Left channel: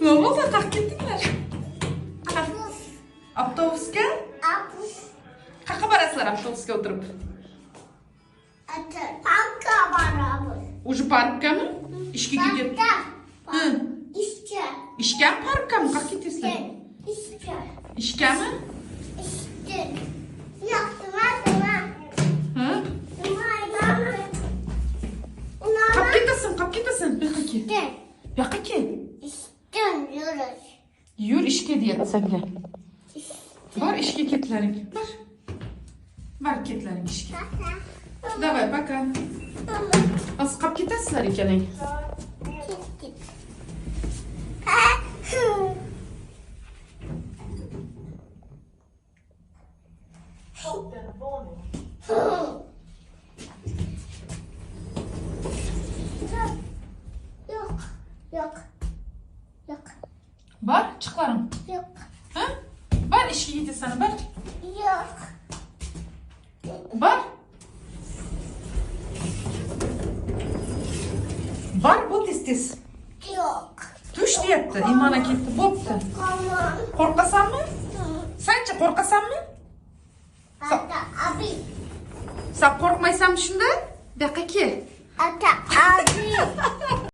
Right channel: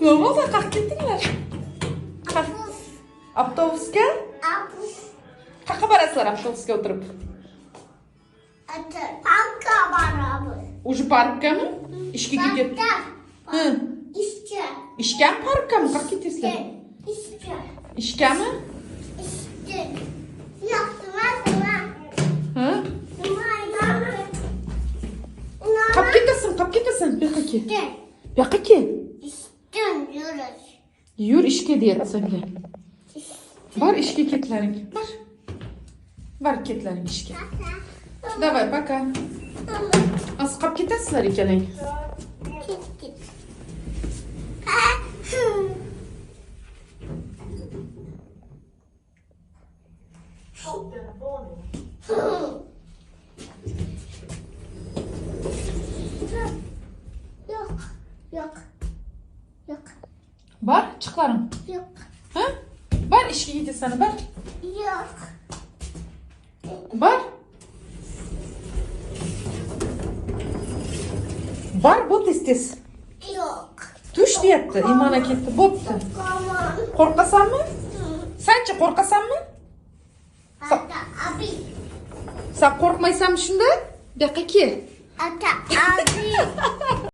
Ne oldu? Kalk gittiler. Avtobusga? Qayerga borasizlar avtobusga o'tirib? Parkka boramiz. Уже parkgami? Ishga ketib. Ha. İşte. Ishgami, parkgami? Qayerga ketasizlar? İşte. Ishgami? İşte. Yok, tamam. Ha? Qolib ketasan. Bu yoqqa kel. Bu yoqqa kel. İşte yürüyoruz. Yur ishga deyapti Sabila. Bor ishga ketlaring. Bor ketlaring ishga. Давай, пока. Az qolib ketasizlar ikkalang. Yok. Bor, chiqlaring. Yok. Ha? Bor ishga ketasan, bor. Yok. Bor. Bor, bu tez. Yok. Tush deyapti, Imona ketdi. Bo'pti. Tamam. Qo'rqasanmi? Sanchi qo'rqasanmi? Ata abi. Sen qo'rqmaysanmi shunda? Bu yoqqa kel. Ata abi.